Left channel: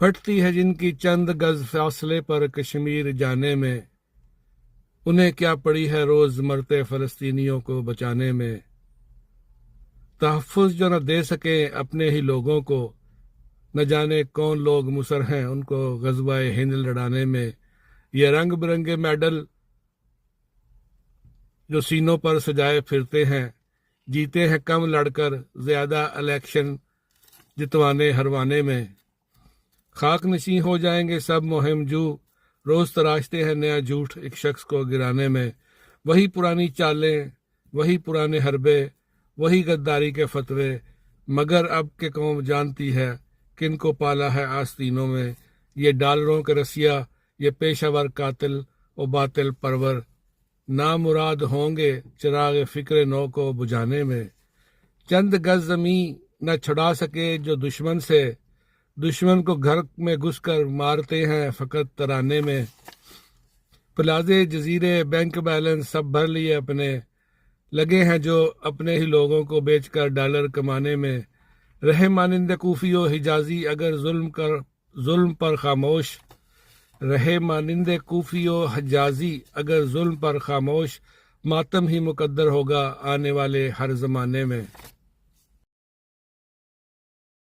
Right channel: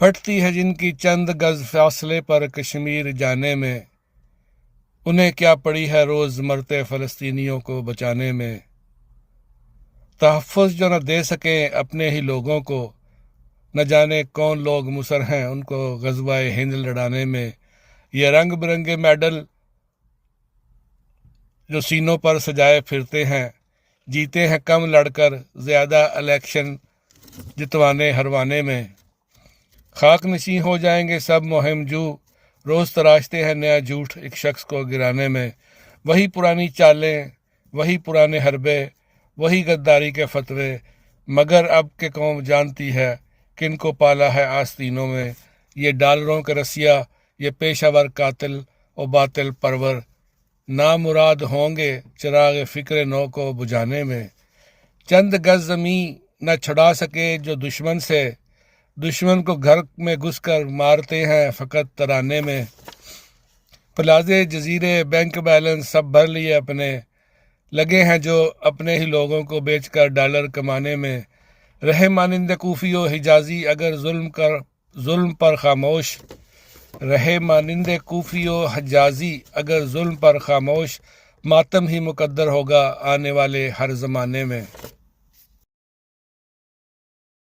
پھٹتی ہے جن کی چند گز فاصلے پر کشمیر جانے میں، انہیں کیا پڑی ہے روز مرتے فلسطینیوں کو بچانے میں۔ تحفظ جو نہ دے سکیں اپنے ہی لوگوں کو، نہ جانے کون لوگ مصر ہیں ان کو غزوہ ہند لڑانے میں۔ یہ رنگ برنگے میڈل جو سینوں پر سجائے پھرتے ہیں، جیتے ہیں کم لڑ کر زیادہ الیکشن جتوانے ہروانے میں۔ خاک نشیں ہو جائیں گے سب مہم جو، روز تراشتے ہیں نیا جھوٹ ایک شخص کو گرانے میں۔ وہی پرانی چالیں، وہی پرانے حربے، وہی غداری کے فتوے، مگر اب کہ قوم جانتی ہے کن کو پالا ہے آستینوں میں۔ یہ ڈالروں کے رسیا، یہ پیشہ ور قاتل و باطل پرور، نامراد ہوں گے چراغ فکر نو کو بجھانے میں۔ چند گز زمیں نہ چھڑا سکے جو دشمن سے، دشمن کو گھر میں گھس کر مارتے ہیں فقط ترانے میں۔ پلازے جزیرے بینک بیلنس سب بھر لیے اپنے، لگے ہیں جو اپنے ہی لوگوں کو بیچ کر ڈالر کمانے میں۔ رہے مانند کوفی و حجازی اگر ظلم پر خاموش، رہے مانند کوفی و حجازی اگر ظلم پر خاموش، ماتم ہی مقدر ہوگا آنے والے ہر زمانے میں۔